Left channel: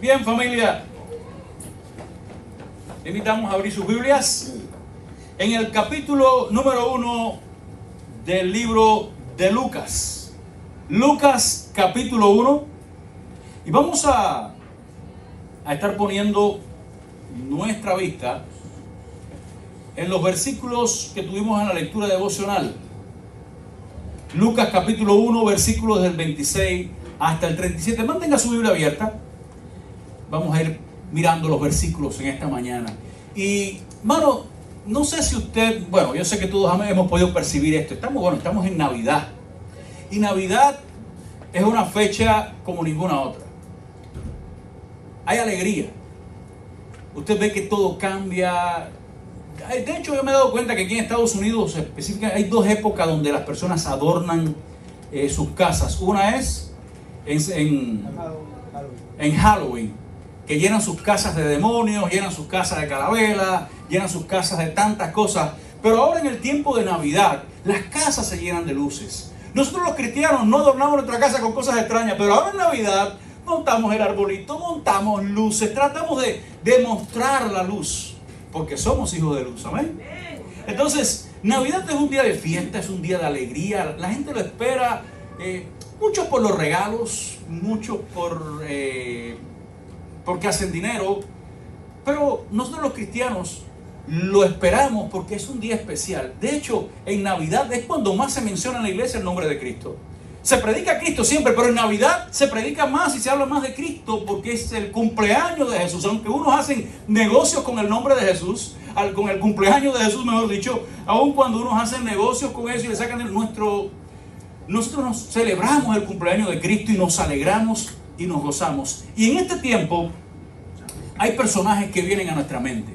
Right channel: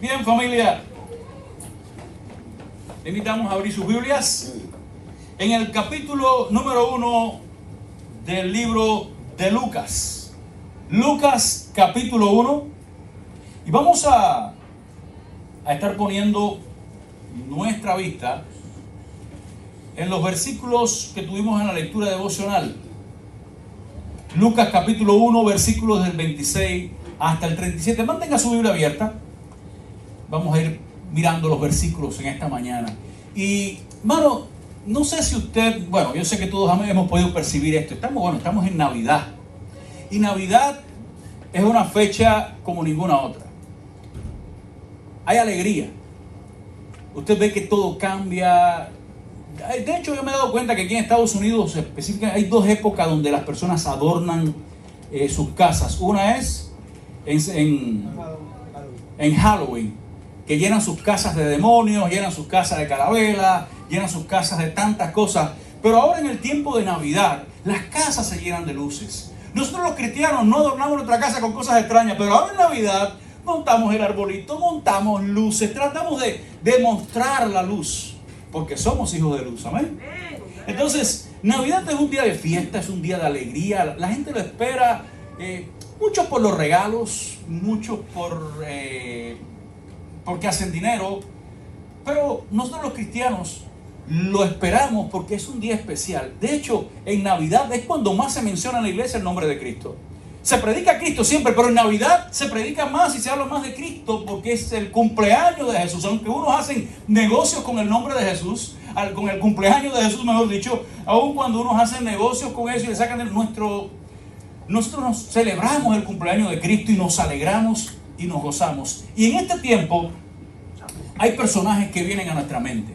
Bien, familia, le invitamos a abrir sus Biblias en el capítulo número 1 del libro de Lucas. Lucas capítulo 1. Y vamos a estar poniendo nuestra vista en los versículos que tuvimos en la lectura devocional. Lucas capítulo 1, versículos del 26 hasta el 37. Mantenga su Biblia abierta. Vamos a ir mirando los versículos en esta mañana. Y, mano, no sé si usted, bueno, yo sé que todos hemos podido percibir esto. Estamos en Navidad. Y Navidad es una fecha como ninguna otra. Hay alegría. Usted ve que todo cambia. De hecho, yo me he dado cuenta que aquí en Estados Unidos específicamente hay dos épocas donde las personas adornan sus casas. Una es en Halloween, que llenan sus casas de demonios, llenan sus casas de carabelas, llenan sus casas de tantas cosas. Pero ahora en el tiempo de Navidad, las casas se llenan de luces. Nosotros los cristianos no adornamos nuestra casa con cosas extrañas, pero ahora en Navidad montamos el arbolito, montamos luces, tratamos de demostrar la luz, porque somos hijos de luz, amén. Entonces, Navidad es un día de fiesta, es un día de alegría, la gente lo espera, muchos por los regalos, muchos porque hacen dinero, pero nosotros los cristianos lo esperamos porque es un día especial. De hecho, en Navidad es cuando más se menciona en la iglesia el nombre de Cristo. Se predica a Cristo siempre, pero en Navidad se predica más y se habla más de Cristo porque es el cumpleaños de Jesús. Aunque unos hacen negocios con el nombre de Jesús, con el cumpleaños de Jesús, mejor dicho, aun cuando unos hacen negocios con eso y le sacan nosotros nos celebramos el cumpleaños de Cristo y nos alegramos y nos gozamos. Y en este tiempo hay personajes que vienen a nuestra mente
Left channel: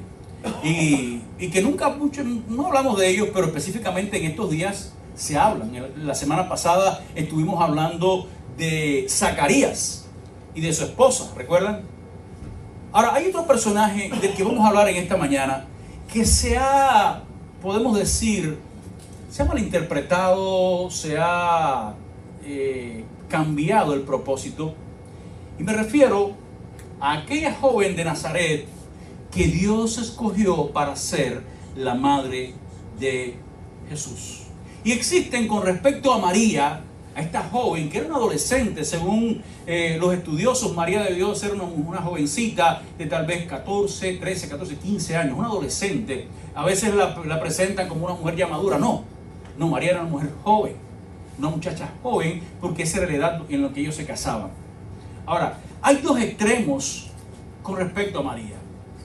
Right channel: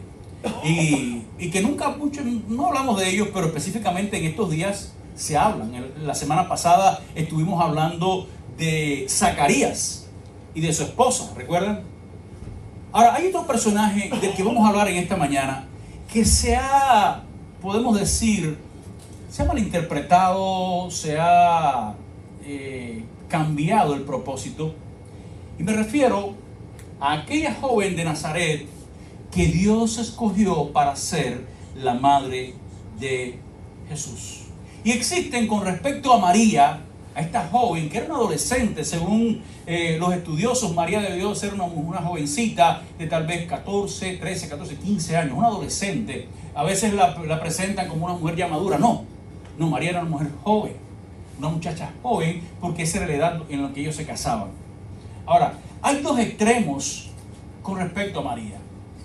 y que nunca mucho no hablamos de ellos, pero específicamente en estos días se hablan. La semana pasada estuvimos hablando de Zacarías y de su esposa, ¿recuerdan? Ahora hay otro personaje del que vamos a hablar en esta mañana que podemos decir, se ha malinterpretado, se ha cambiado el propósito. Y me refiero a aquella joven de Nazaret que Dios escogió para ser la madre de Jesús. Y existen con respecto a María, a esta joven que era una adolescente, según los estudiosos, María debió ser una jovencita de tal vez 13, 14, 15 años, una adolescente. A veces la presentan como una mujer ya madura. No, María era una mujer joven, una muchacha joven, porque esa era la edad en la que ellos se casaban. Ahora, hay dos extremos con respecto a María.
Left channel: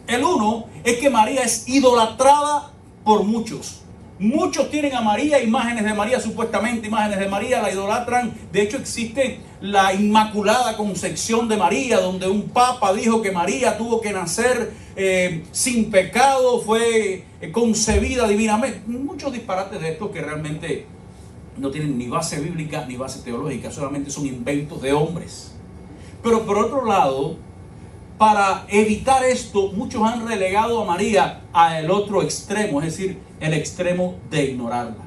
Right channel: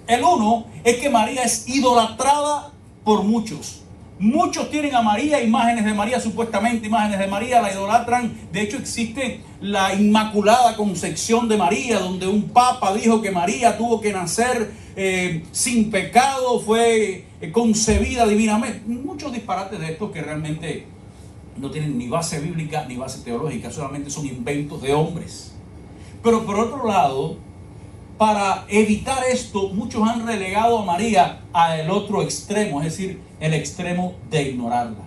El uno es que María es idolatrada por muchos. Muchos tienen a María, imágenes de María, supuestamente imágenes de María, la idolatran. De hecho, existe la Inmaculada Concepción de María, donde un papa dijo que María tuvo que nacer sin pecado, fue concebida divinamente. Muchos disparates de estos que realmente no tienen ni base bíblica ni base teológica, solamente son inventos de hombres. Pero por otro lado, para evitar esto, muchos han relegado a María al otro extremo, es decir, el extremo de ignorarla.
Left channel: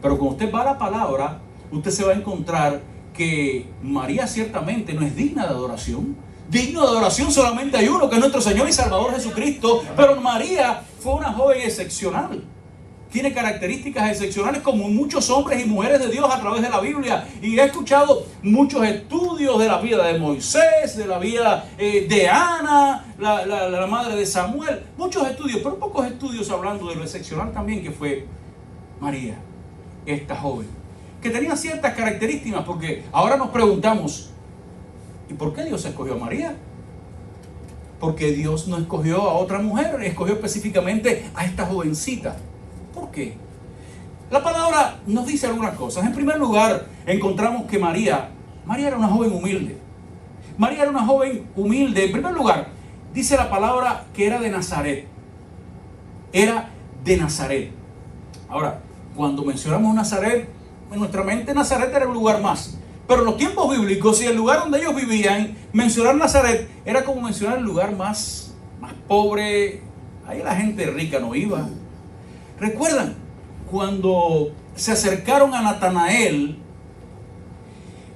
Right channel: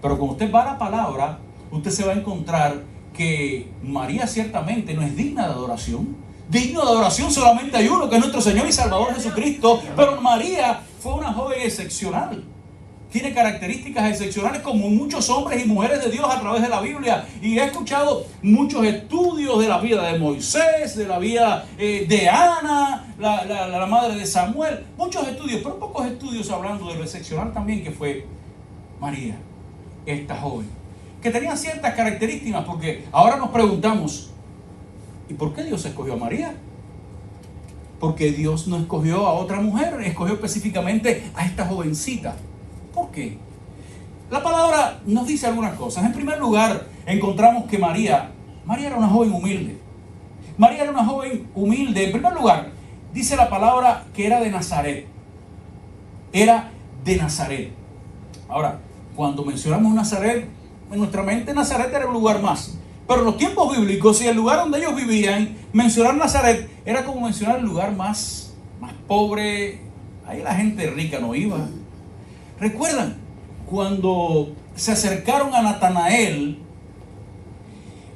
Pero cuando usted va a la palabra, usted se va a encontrar que María ciertamente no es digna de adoración. Digno de adoración solamente hay uno, que es nuestro Señor y Salvador Jesucristo. Pero María fue una joven excepcional. Tiene características excepcionales como muchos hombres y mujeres de Dios a través de la Biblia. Y he escuchado muchos estudios de la vida de Moisés, de la vida de Ana, la madre de Samuel. Muchos estudios, pero pocos estudios hablando de lo excepcional también que fue María, esta joven. Que tenía ciertas características, porque ahora nos preguntamos, ¿y por qué Dios escogió a María? Porque Dios no escogió a otra mujer, escogió específicamente a esta jovencita. ¿Por qué? La palabra nos dice algunas cosas. En primer lugar, encontramos que María era una joven humilde. María era una joven humilde. En primer lugar, dice la palabra que era de Nazaret. Era de Nazaret. Ahora, cuando mencionamos Nazaret, en nuestra mente Nazaret era un lugar más. Pero en los tiempos bíblicos, y el lugar donde ellos vivían, mencionar Nazaret era como mencionar el lugar más pobre. Ahí la gente rica no iba. ¿Recuerdan cuando se acercaron a Natanael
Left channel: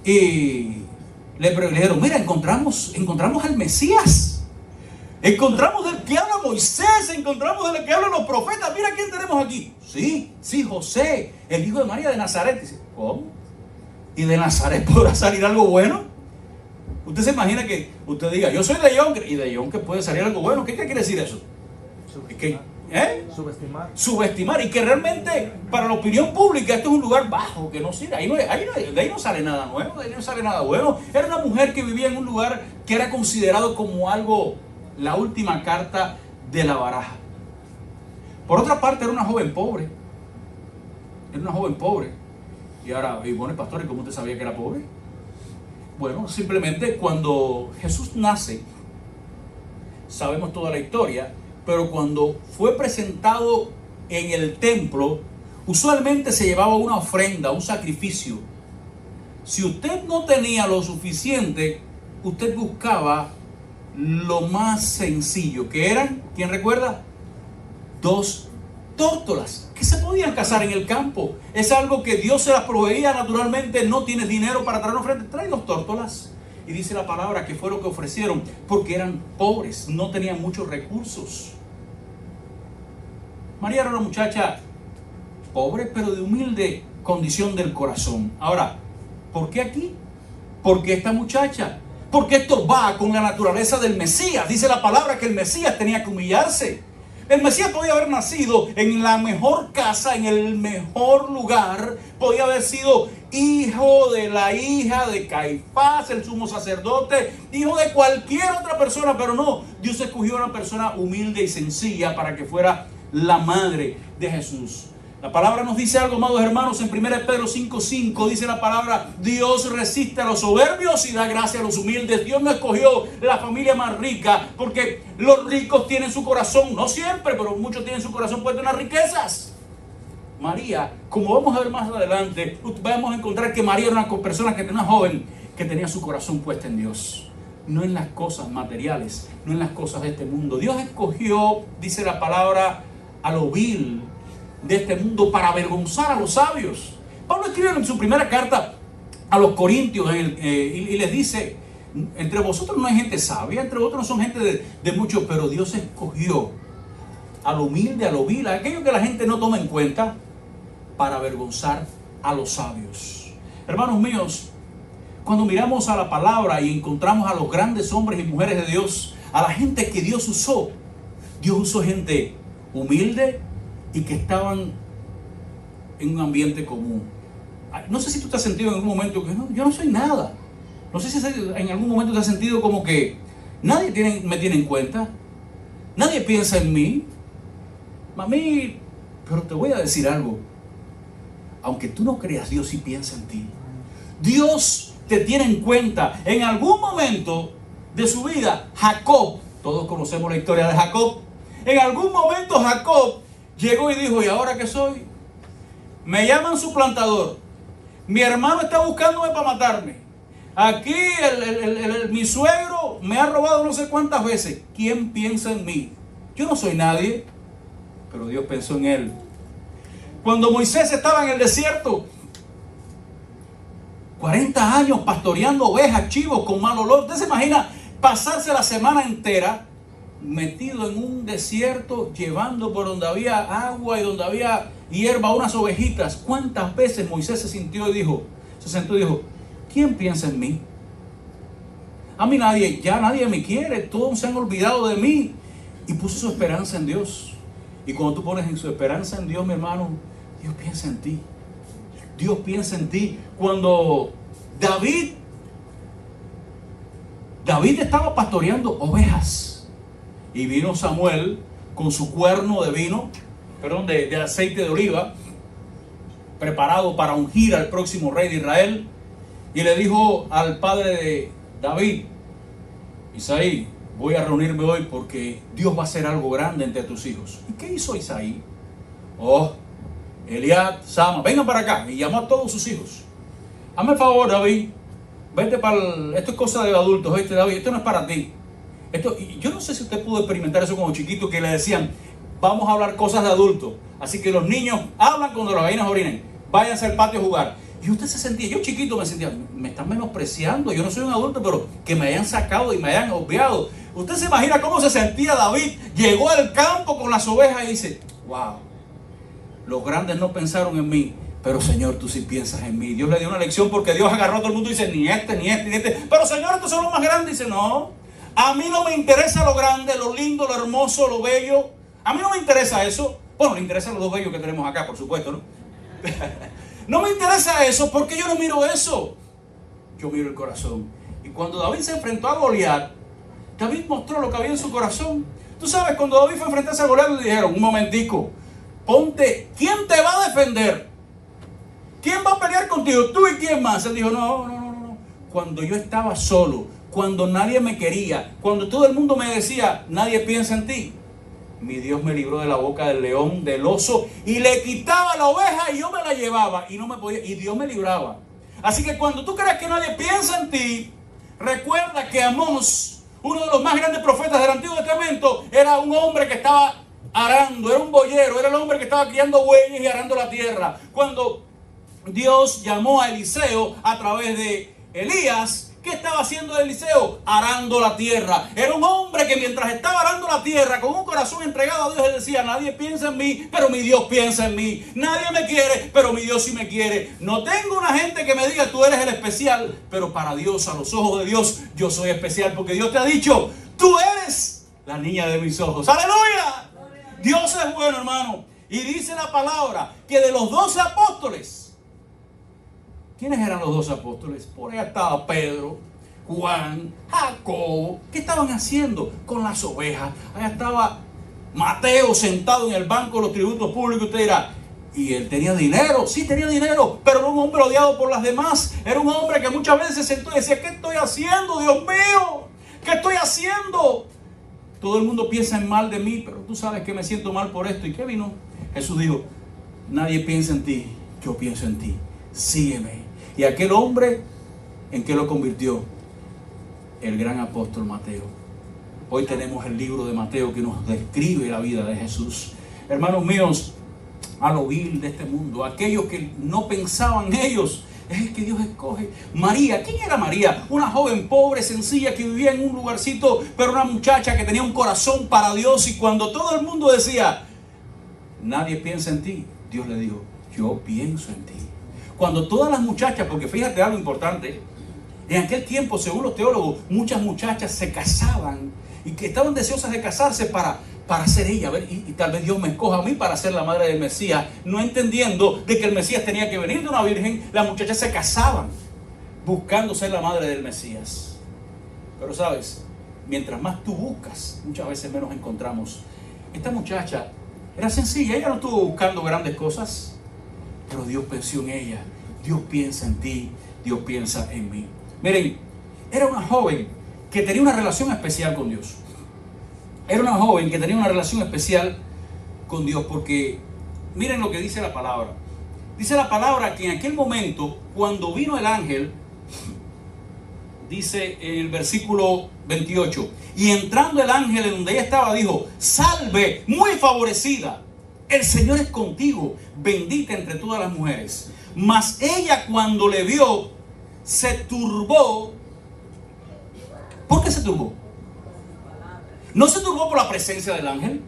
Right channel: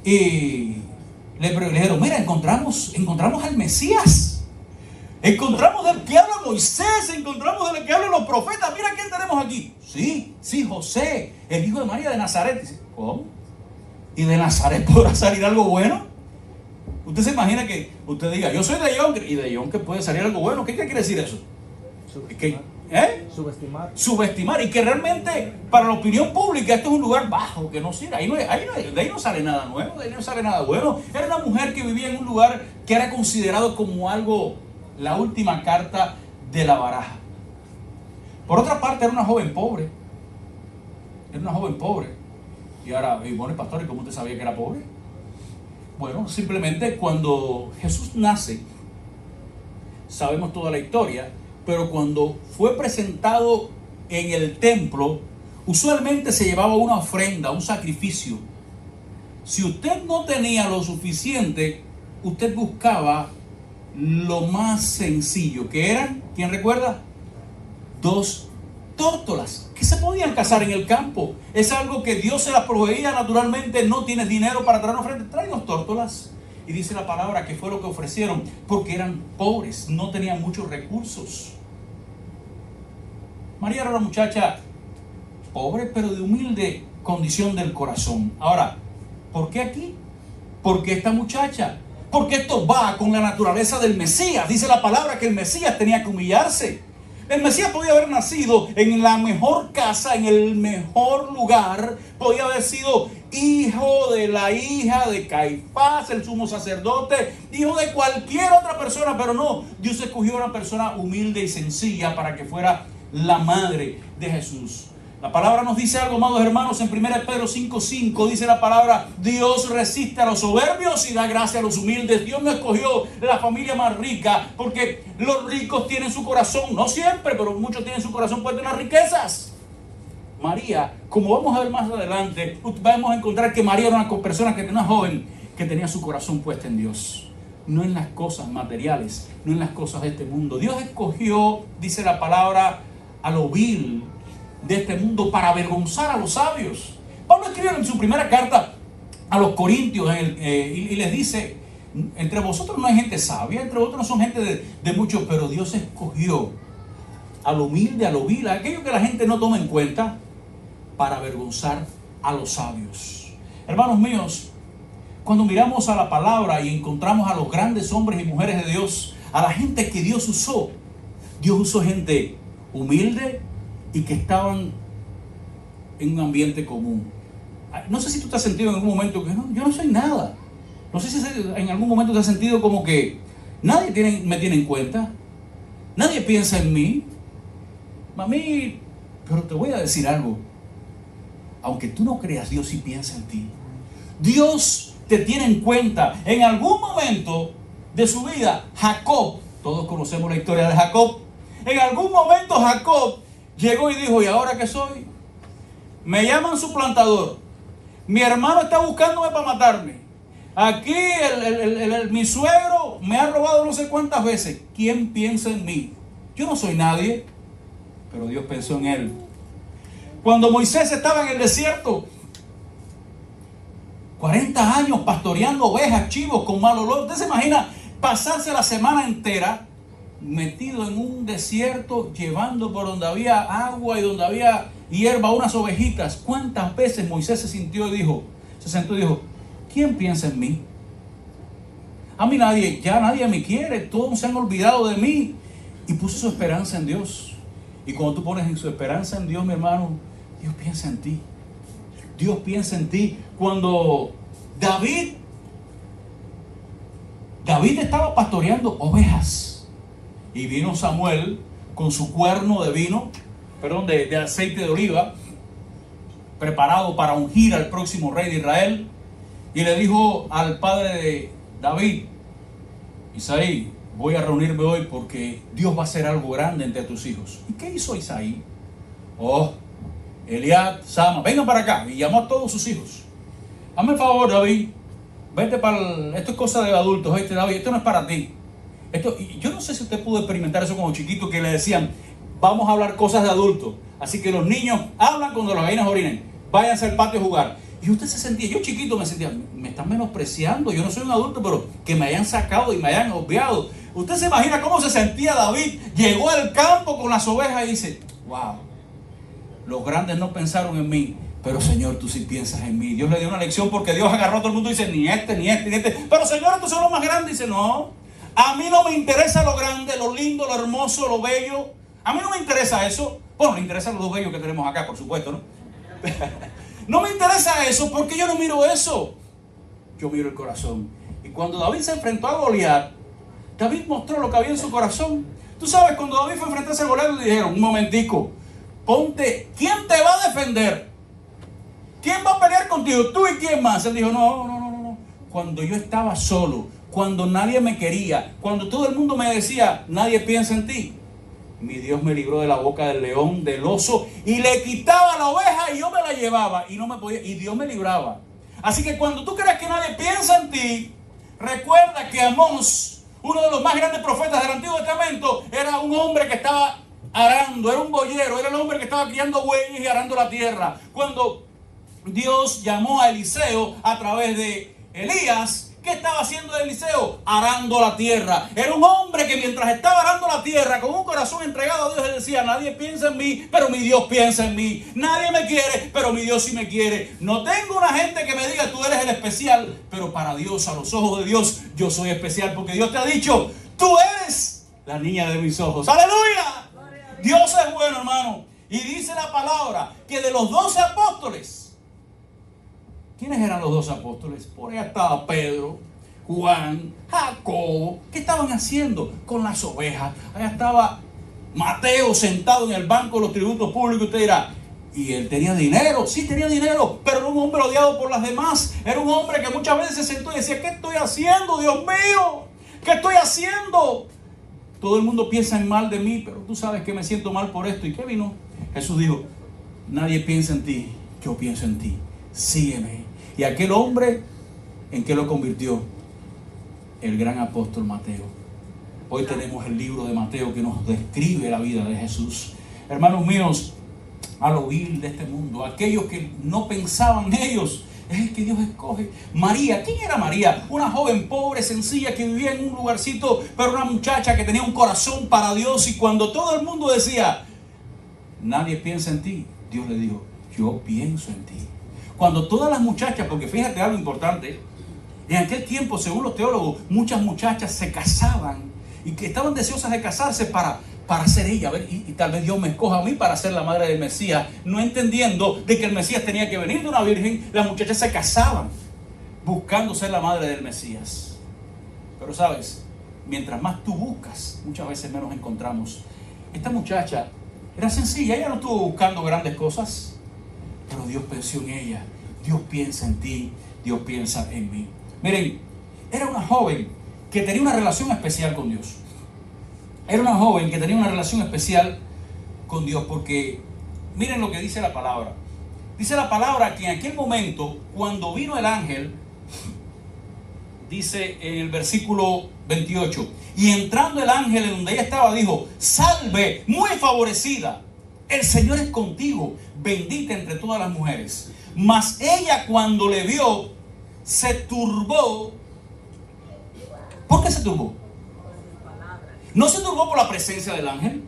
y le dijeron, mira, encontramos al Mesías. Encontramos del que habla Moisés, encontramos del que hablan los profetas. Mira quién tenemos aquí. Sí, José, el hijo de María de Nazaret. Dice, ¿cómo? ¿Y de Nazaret podrá salir algo bueno? Usted se imagina que usted diga, yo soy de Yonke, y de Yonke puede salir algo bueno. ¿Qué quiere decir eso? Subestimar. Y que realmente para la opinión pública esto es un lugar bajo, que no sirve. De ahí no sale nada nuevo, de ahí no sale nada bueno. Era una mujer que vivía en un lugar que era considerado como algo, la última carta de la baraja. Por otra parte, era una joven pobre. Y ahora, bueno, pastor, ¿y cómo usted sabía que era pobre? Bueno, simplemente cuando Jesús nace, sabemos toda la historia, pero cuando fue presentado en el templo, usualmente se llevaba una ofrenda, un sacrificio. Si usted no tenía lo suficiente, usted buscaba lo más sencillo, que eran, ¿quién recuerda? 2 tórtolas que se podían cazar en el campo. Es algo que Dios se las proveía naturalmente. No tienes dinero para traer una ofrenda, trae 2 tórtolas. Y dice la palabra que fue lo que ofrecieron, porque eran pobres, no tenían muchos recursos. María era una muchacha pobre, pero de humilde condición del corazón. Ahora, ¿por qué aquí? ¿Por qué esta muchacha? Porque esto va con la naturaleza del Mesías. Dice la palabra que el Mesías tenía que humillarse. El Mesías podía haber nacido en la mejor casa, en el mejor lugar. Podía haber sido hijo de la hija de Caifás, el sumo sacerdote, hijo de cualquier otra persona, pero no. Dios escogió a una persona humilde y sencilla para que fuera la madre de Jesús. La palabra nos dice algo, amados hermanos, en 1 Pedro 5:5 dice la palabra: Dios resiste a los soberbios y da gracia a los humildes. Dios no escogió la familia más rica porque los ricos tienen su corazón, no siempre, pero muchos tienen su corazón puesto en las riquezas. María, como vamos a ver más adelante, vamos a encontrar que María era una persona, una joven que tenía su corazón puesto en Dios, no en las cosas materiales, no en las cosas de este mundo. Dios escogió, dice la palabra, a lo vil de este mundo para avergonzar a los sabios. Pablo escribe en su primera carta a los Corintios y les dice: entre vosotros no hay gente sabia, entre vosotros no son gente de muchos, pero Dios escogió a lo humilde, a lo vil, a aquello que la gente no toma en cuenta, para avergonzar a los sabios. Hermanos míos, cuando miramos a la palabra y encontramos a los grandes hombres y mujeres de Dios, a la gente que Dios usó gente humilde y que estaban en un ambiente común. No sé si tú te has sentido en algún momento que no, yo no soy nada. No sé si en algún momento te has sentido como que nadie me tiene en cuenta, nadie piensa en mí. Mami, pero te voy a decir algo. Aunque tú no creas, Dios sí piensa en ti. Dios te tiene en cuenta. En algún momento de su vida, Jacob, todos conocemos la historia de Jacob. En algún momento Jacob llegó y dijo: ¿y ahora qué soy? Me llaman suplantador. Mi hermano está buscándome para matarme. Aquí mi suegro me ha robado no sé cuántas veces. ¿Quién piensa en mí? Yo no soy nadie, pero Dios pensó en él. Cuando Moisés estaba en el desierto, 40 años pastoreando ovejas, chivos con mal olor. ¿Usted se imagina pasarse la semana entera metido en un desierto, llevando por donde había agua y donde había hierba unas ovejitas? ¿Cuántas veces Moisés se sentó y dijo: ¿quién piensa en mí? A mí nadie me quiere, todos se han olvidado de mí. Y puso su esperanza en Dios. Y cuando tú pones en su esperanza en Dios, mi hermano, Dios piensa en ti. Dios piensa en ti. Cuando David estaba pastoreando ovejas, y vino Samuel con su cuerno de aceite de oliva, preparado para ungir al próximo rey de Israel, y le dijo al padre de David: Isaí, voy a reunirme hoy porque Dios va a hacer algo grande entre tus hijos. ¿Y qué hizo Isaí? Eliab, Sama, vengan para acá. Y llamó a todos sus hijos. Hazme el favor, David, vete esto es cosa de adultos, David, esto no es para ti. Yo no sé si usted pudo experimentar eso como chiquito, que le decían: vamos a hablar cosas de adultos. Así que los niños hablan cuando las gallinas orinen. Váyanse al patio a jugar. Y usted se sentía, yo chiquito me sentía, me están menospreciando, yo no soy un adulto, pero que me hayan sacado y me hayan obviado. Usted se imagina cómo se sentía David, llegó al campo con las ovejas y dice, wow, los grandes no pensaron en mí, pero Señor, tú sí piensas en mí. Dios le dio una lección porque Dios agarró a todo el mundo y dice, ni este, ni este, ni este. Pero Señor, estos son los más grandes. Dice, no, a mí no me interesa lo grande, lo lindo, lo hermoso, lo bello. A mí no me interesa eso. Bueno, le interesan los dos bellos que tenemos acá, por supuesto, ¿no? No me interesa eso porque yo no miro eso. Yo miro el corazón. Y cuando David se enfrentó a Goliat, David mostró lo que había en su corazón. Tú sabes, cuando David fue a enfrentarse a Goliat, le dijeron, un momentico, ponte, ¿quién te va a defender? ¿Quién va a pelear contigo? ¿Tú y quién más? Él dijo, no. Cuando yo estaba solo, cuando nadie me quería, cuando todo el mundo me decía, nadie piensa en ti, mi Dios me libró de la boca del león, del oso, y le quitaba la oveja y yo me la llevaba y no me podía, y Dios me libraba. Así que cuando tú creas que nadie piensa en ti, recuerda que Amós, uno de los más grandes profetas del Antiguo Testamento, era un hombre que estaba arando, era un boyero, era el hombre que estaba criando bueyes y arando la tierra. Cuando Dios llamó a Eliseo a través de Elías, ¿qué estaba haciendo Eliseo? Arando la tierra. Era un hombre que mientras estaba arando la tierra, con un corazón entregado a Dios, él decía, nadie piensa en mí, pero mi Dios piensa en mí. Nadie me quiere, pero mi Dios sí me quiere. No tengo una gente que me diga, tú eres el especial, pero para Dios, a los ojos de Dios, yo soy especial, porque Dios te ha dicho, tú eres la niña de mis ojos. ¡Aleluya! Dios es bueno, hermano. Y dice la palabra que de los 12 apóstoles, ¿quiénes eran los 12 apóstoles? Por allá estaba Pedro, Juan, Jacobo. ¿Qué estaban haciendo con las ovejas? Allá estaba Mateo sentado en el banco de los tributos públicos. Usted dirá, ¿y él tenía dinero? Sí, tenía dinero, pero era un hombre odiado por las demás. Era un hombre que muchas veces se sentó y decía, ¿qué estoy haciendo, Dios mío? ¿Qué estoy haciendo? Todo el mundo piensa en mal de mí, pero tú sabes que me siento mal por esto. ¿Y qué vino? Jesús dijo, nadie piensa en ti, yo pienso en ti. Sígueme. Y aquel hombre, ¿en qué lo convirtió? El gran apóstol Mateo. Hoy tenemos el libro de Mateo que nos describe la vida de Jesús. Hermanos míos, a lo vil de este mundo, aquellos que no pensaban ellos, es el que Dios escoge. María, ¿quién era María? Una joven pobre, sencilla, que vivía en un lugarcito, pero una muchacha que tenía un corazón para Dios. Y cuando todo el mundo decía, nadie piensa en ti, Dios le dijo, yo pienso en ti. Cuando todas las muchachas, porque fíjate algo importante, en aquel tiempo, según los teólogos, muchas muchachas se casaban y que estaban deseosas de casarse para ser ella. A ver, y tal vez Dios me escoja a mí para ser la madre del Mesías, no entendiendo de que el Mesías tenía que venir de una virgen. Las muchachas se casaban buscando ser la madre del Mesías. Pero sabes, mientras más tú buscas, muchas veces menos encontramos. Esta muchacha era sencilla, ella no estuvo buscando grandes cosas, pero Dios pensó en ella. Dios piensa en ti, Dios piensa en mí. Miren, era una joven que tenía una relación especial con Dios. Era una joven que tenía una relación especial con Dios porque, miren lo que dice la palabra. Dice la palabra que en aquel momento, cuando vino el ángel, dice en el versículo 28, y entrando el ángel en donde ella estaba, dijo, salve, muy favorecida, el Señor es contigo, bendita entre todas las mujeres. Mas ella cuando le vio, se turbó. ¿Por qué se turbó? No se turbó por la presencia del ángel.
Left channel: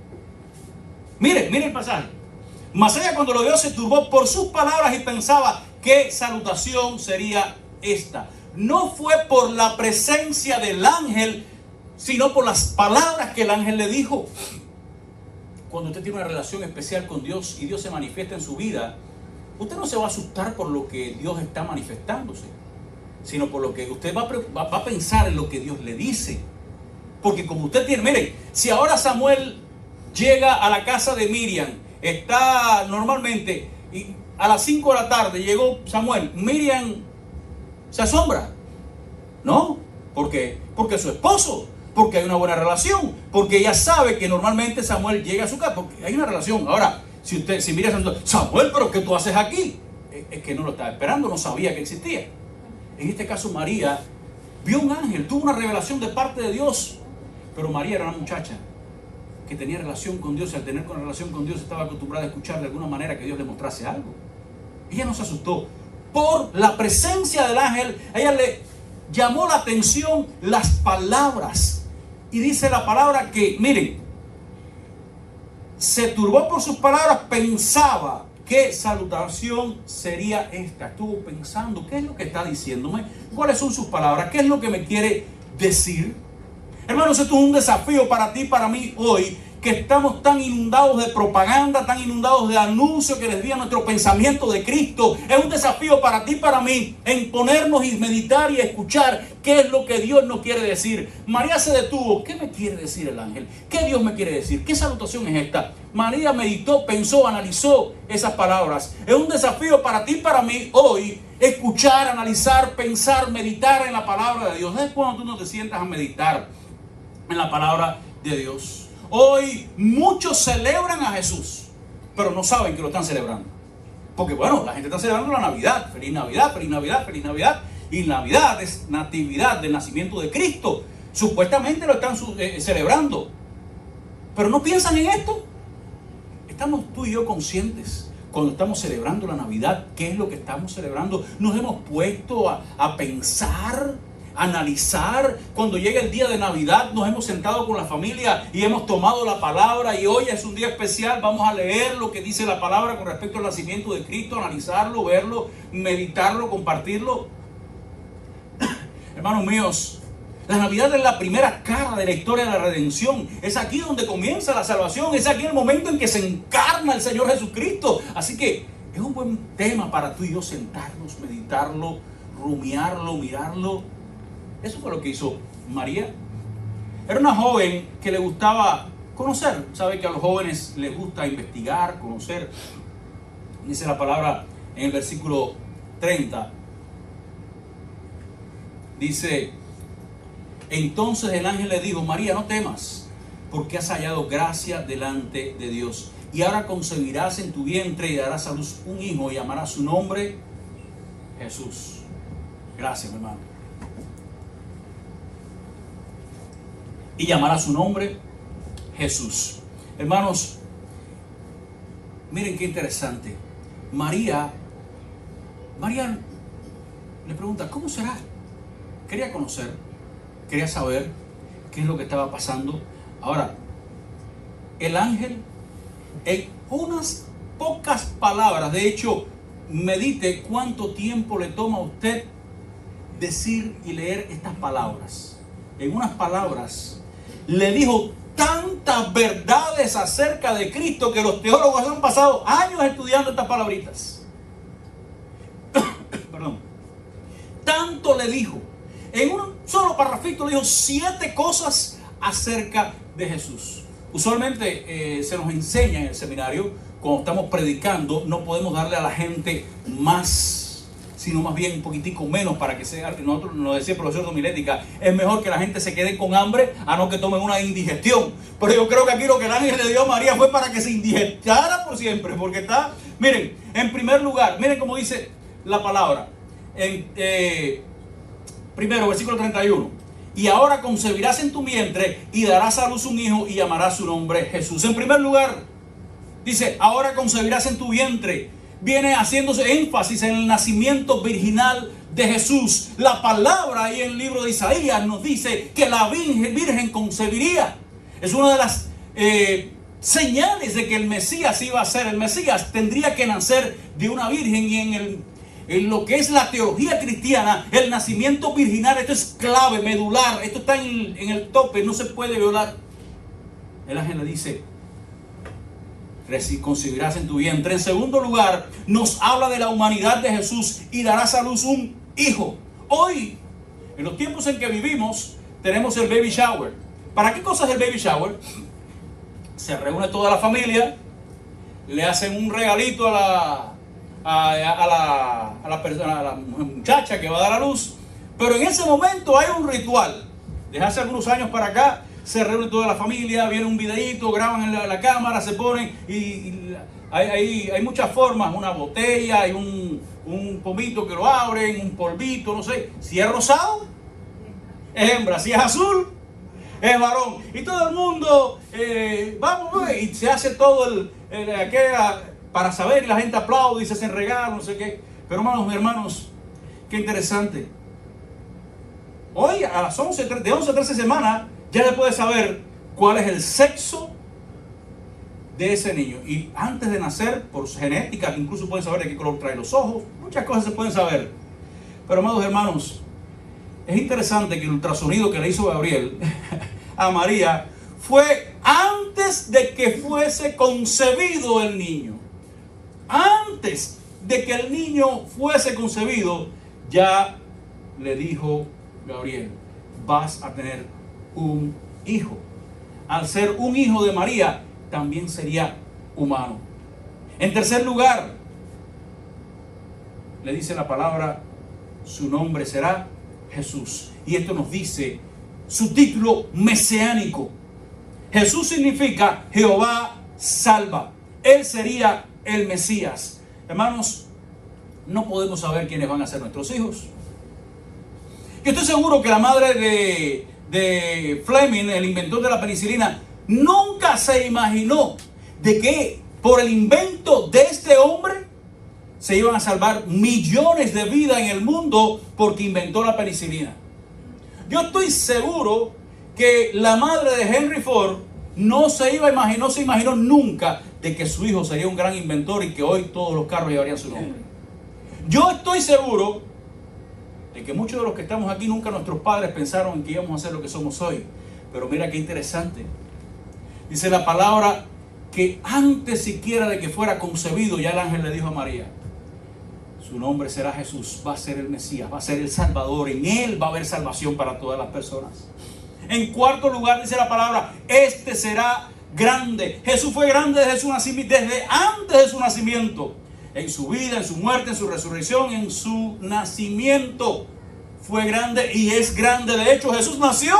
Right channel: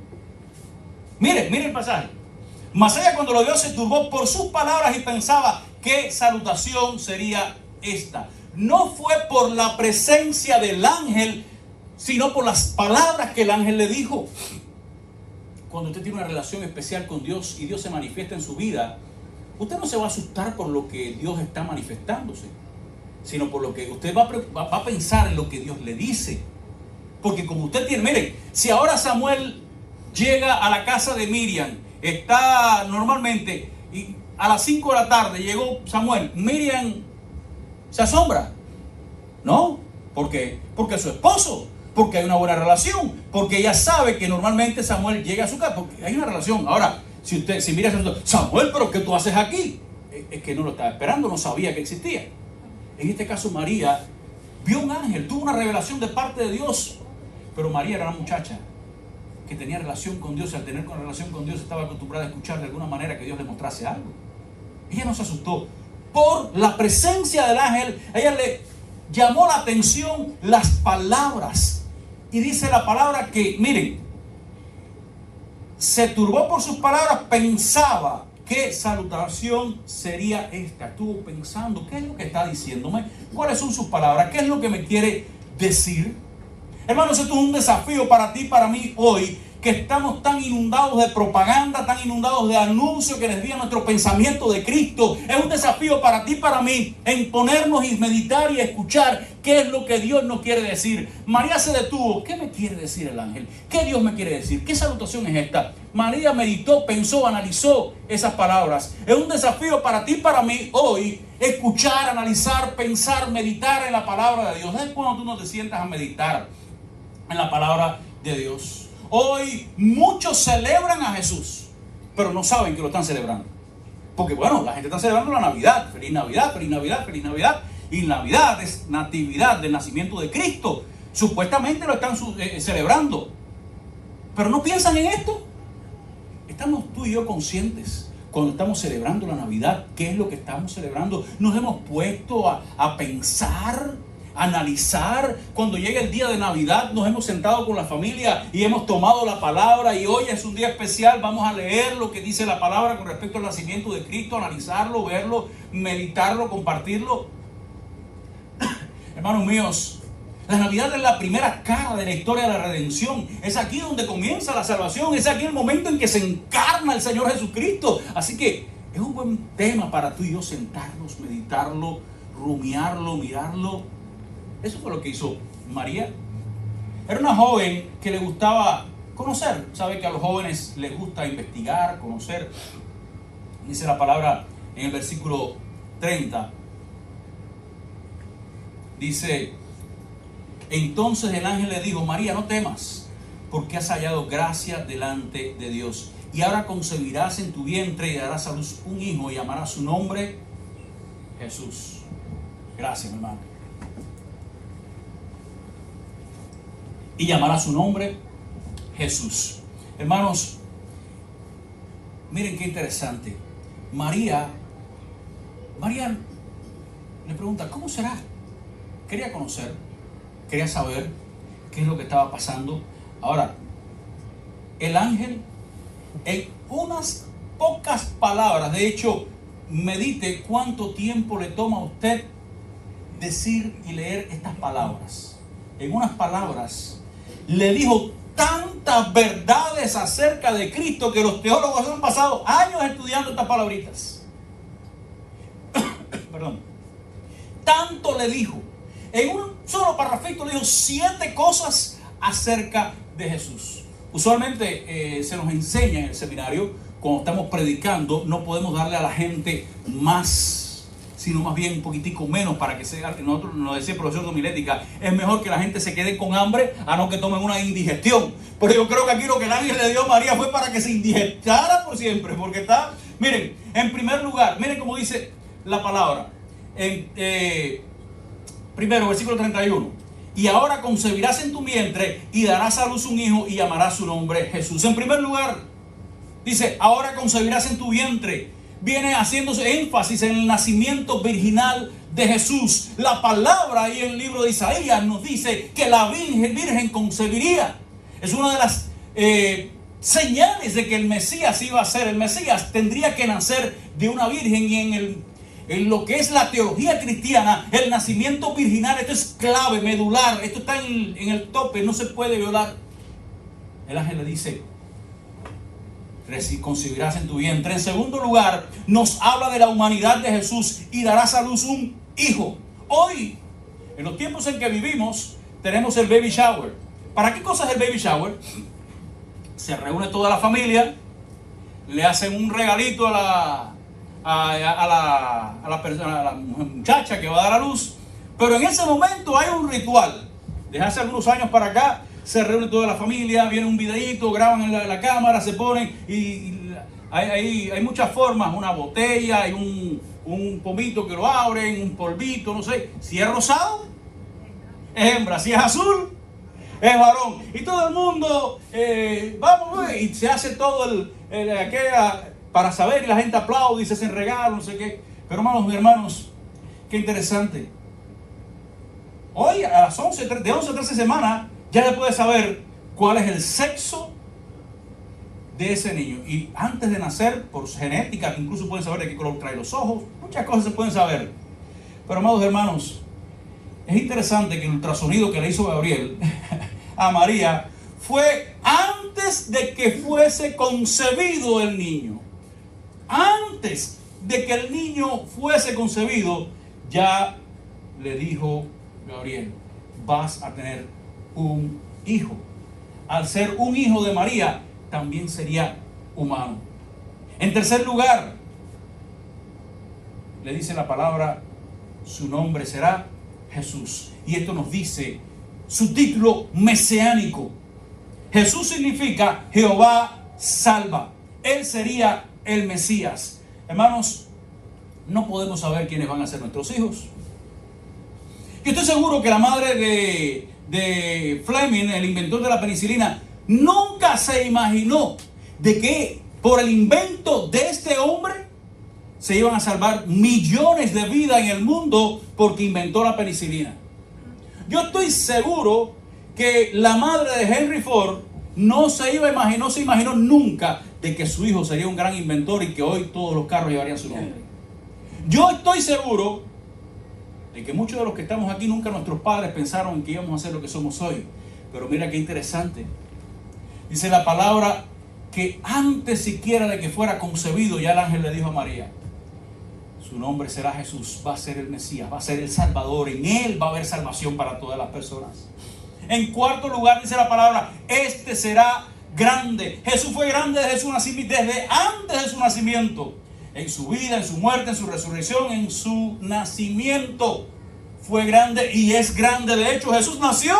Mire el pasaje. Mas ella cuando lo vio se turbó por sus palabras y pensaba, ¿qué salutación sería esta? No fue por la presencia del ángel, sino por las palabras que el ángel le dijo. Cuando usted tiene una relación especial con Dios y Dios se manifiesta en su vida, usted no se va a asustar por lo que Dios está manifestándose, sino por lo que usted va a pensar en lo que Dios le dice. Porque como usted tiene, miren, si ahora Samuel llega a la casa de Miriam, está normalmente, y a las 5 de la tarde llegó Samuel, Miriam se asombra. ¿No? ¿Por qué? Porque es su esposo, porque hay una buena relación, porque ella sabe que normalmente Samuel llega a su casa, porque hay una relación. Ahora, si Miriam se asombra, Samuel, ¿pero qué tú haces aquí? Es que no lo estaba esperando, no sabía que existía. En este caso María vio un ángel, tuvo una revelación de parte de Dios. Pero María era una muchacha que tenía relación con Dios. Y al tener relación con Dios estaba acostumbrada a escuchar de alguna manera que Dios le mostrase algo. Ella no se asustó. por la presencia del ángel, a ella le llamó la atención las palabras. Y dice la palabra que, miren, se turbó por sus palabras, pensaba qué salutación sería esta. Estuvo pensando, ¿qué es lo que está diciéndome? ¿Cuáles son sus palabras? ¿Qué es lo que me quiere decir? Hermanos, esto es un desafío para ti, para mí hoy, que estamos tan inundados de propaganda, tan inundados de anuncios que desvían nuestro pensamiento de Cristo. Es un desafío para ti, para mí, en ponernos y meditar y escuchar qué es lo que Dios nos quiere decir. María se detuvo. ¿Qué me quiere decir el ángel? ¿Qué Dios me quiere decir? ¿Qué salutación es esta? María meditó, pensó, analizó esas palabras. Es un desafío para ti, para mí hoy, escuchar, analizar, pensar, meditar en la palabra de Dios. ¿Sabes cuando tú no te sientas a meditar en la palabra de Dios? Hoy muchos celebran a Jesús, pero no saben que lo están celebrando. Porque bueno, la gente está celebrando la Navidad. Feliz Navidad, feliz Navidad, feliz Navidad. Y Navidad es natividad del nacimiento de Cristo. Supuestamente lo están celebrando. Pero no piensan en esto. ¿Estamos tú y yo conscientes cuando estamos celebrando la Navidad? ¿Qué es lo que estamos celebrando? Nos hemos puesto a pensar, analizar. Cuando llega el día de Navidad nos hemos sentado con la familia y hemos tomado la palabra, y hoy es un día especial, vamos a leer lo que dice la palabra con respecto al nacimiento de Cristo, analizarlo, verlo, meditarlo, compartirlo. Hermanos míos, la Navidad es la primera cara de la historia de la redención. Es aquí donde comienza la salvación, es aquí el momento en que se encarna el Señor Jesucristo. Así que es un buen tema para tú y yo sentarnos, meditarlo, rumiarlo, mirarlo. Eso fue lo que hizo María. Era una joven que le gustaba conocer. Sabe que a los jóvenes les gusta investigar, conocer. Dice la palabra en el versículo 30. Dice: entonces el ángel le dijo: María, no temas, porque has hallado gracia delante de Dios. Y ahora concebirás en tu vientre y darás a luz un hijo y llamarás su nombre Jesús. Gracias, mi hermano. Y llamará su nombre Jesús. Hermanos, miren qué interesante. María le pregunta: ¿cómo será? Quería conocer, quería saber qué es lo que estaba pasando. Ahora, el ángel, en unas pocas palabras, de hecho, medite cuánto tiempo le toma a usted decir y leer estas palabras. En unas palabras le dijo tantas verdades acerca de Cristo que los teólogos han pasado años estudiando estas palabritas. Perdón. Tanto le dijo. En un solo parrafito le dijo 7 cosas acerca de Jesús. Usualmente se nos enseña en el seminario, cuando estamos predicando, no podemos darle a la gente más, sino más bien un poquitico menos, para que sea. Nosotros nos decía el profesor de homilética: es mejor que la gente se quede con hambre a no que tomen una indigestión. Pero yo creo que aquí lo que el ángel le dio a María fue para que se indigestara por siempre, porque está, miren, en primer lugar, miren cómo dice la palabra. Primero, versículo 31. Y ahora concebirás en tu vientre y darás a luz un hijo y llamarás su nombre Jesús. En primer lugar, dice: ahora concebirás en tu vientre. Viene haciéndose énfasis en el nacimiento virginal de Jesús. La palabra ahí en el libro de Isaías nos dice que la virgen concebiría. Es una de las señales de que el Mesías iba a ser. El Mesías tendría que nacer de una virgen, y en lo que es la teología cristiana, el nacimiento virginal, esto es clave, medular, esto está en el tope, no se puede violar. El ángel le dice: concebirás en tu vientre. En segundo lugar, nos habla de la humanidad de Jesús: y darás a luz un hijo. Hoy, en los tiempos en que vivimos, tenemos el baby shower. ¿Para qué cosa es el baby shower? Se reúne toda la familia, le hacen un regalito a la muchacha que va a dar a luz, pero en ese momento hay un ritual. Desde hace algunos años para acá se reúne toda la familia, viene un videíto, graban en la cámara, se ponen y hay muchas formas: una botella, hay un pomito que lo abren, un polvito, no sé. Si es rosado, es hembra; si es azul, es varón. Y todo el mundo vamos, y se hace todo aquella para saber, y la gente aplaude y se hacen regalos, no sé qué. Pero hermanos, mis hermanos, qué interesante. Hoy a las 11, de 11 a 13 semanas, ya le puede saber cuál es el sexo de ese niño. Y antes de nacer, por genética, incluso pueden saber de qué color trae los ojos. Muchas cosas se pueden saber. Pero amados hermanos, es interesante que el ultrasonido que le hizo Gabriel a María fue antes de que fuese concebido el niño. Antes de que el niño fuese concebido, ya le dijo Gabriel: vas a tener un hijo. Al ser un hijo de María, también sería humano. En tercer lugar, le dice la palabra, su nombre será Jesús. Y esto nos dice su título mesiánico. Jesús significa Jehová salva. Él sería el Mesías. Hermanos, no podemos saber quiénes van a ser nuestros hijos. Yo estoy seguro que la madre de Fleming, el inventor de la penicilina, nunca se imaginó de que por el invento de este hombre se iban a salvar millones de vidas en el mundo porque inventó la penicilina. Yo estoy seguro que la madre de Henry Ford no se imaginó nunca de que su hijo sería un gran inventor y que hoy todos los carros llevarían su nombre. Yo estoy seguro de que muchos de los que estamos aquí, nunca nuestros padres pensaron que íbamos a ser lo que somos hoy. Pero mira qué interesante. Dice la palabra que antes siquiera de que fuera concebido, ya el ángel le dijo a María: su nombre será Jesús, va a ser el Mesías, va a ser el Salvador, en él va a haber salvación para todas las personas. En cuarto lugar dice la palabra, este será grande. Jesús fue grande desde su nacimiento, desde antes de su nacimiento. En su vida, en su muerte, en su resurrección, en su nacimiento fue grande y es grande. De hecho, Jesús nació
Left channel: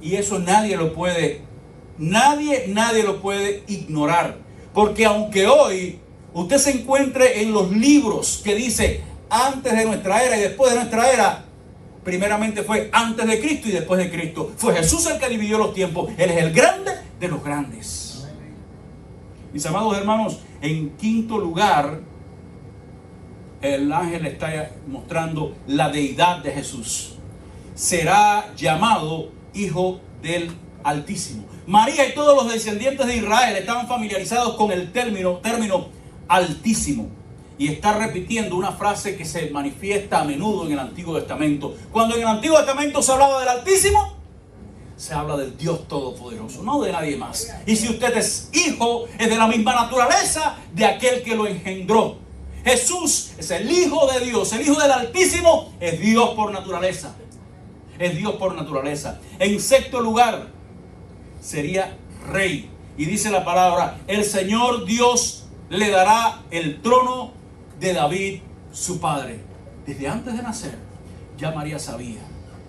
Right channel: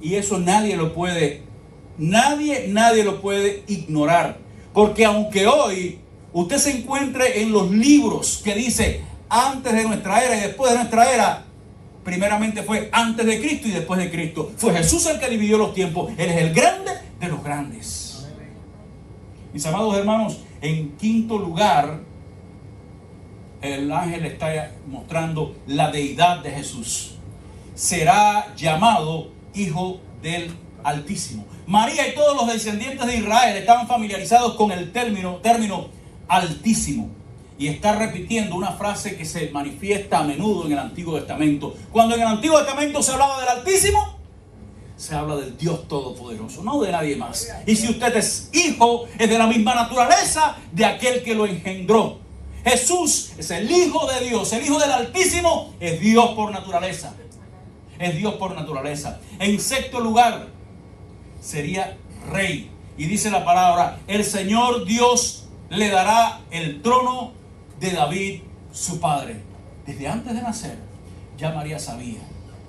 y eso nadie lo puede ignorar. Porque aunque hoy usted se encuentre en los libros que dice antes de nuestra era y después de nuestra era, primeramente fue antes de Cristo y después de Cristo. Fue Jesús el que dividió los tiempos. Él es el grande de los grandes. Mis amados hermanos, en quinto lugar, el ángel está mostrando la deidad de Jesús. Será llamado Hijo del Altísimo. María y todos los descendientes de Israel estaban familiarizados con el término Altísimo. Y está repitiendo una frase que se manifiesta a menudo en el Antiguo Testamento. Cuando en el Antiguo Testamento se hablaba del Altísimo, se habla del Dios Todopoderoso, no de nadie más. Y si usted es hijo, es de la misma naturaleza de aquel que lo engendró. Jesús es el Hijo de Dios, el Hijo del Altísimo, es Dios por naturaleza. Es Dios por naturaleza. En sexto lugar, sería rey. Y dice la palabra, el Señor Dios le dará el trono de David, su padre. Desde antes de nacer, ya María sabía.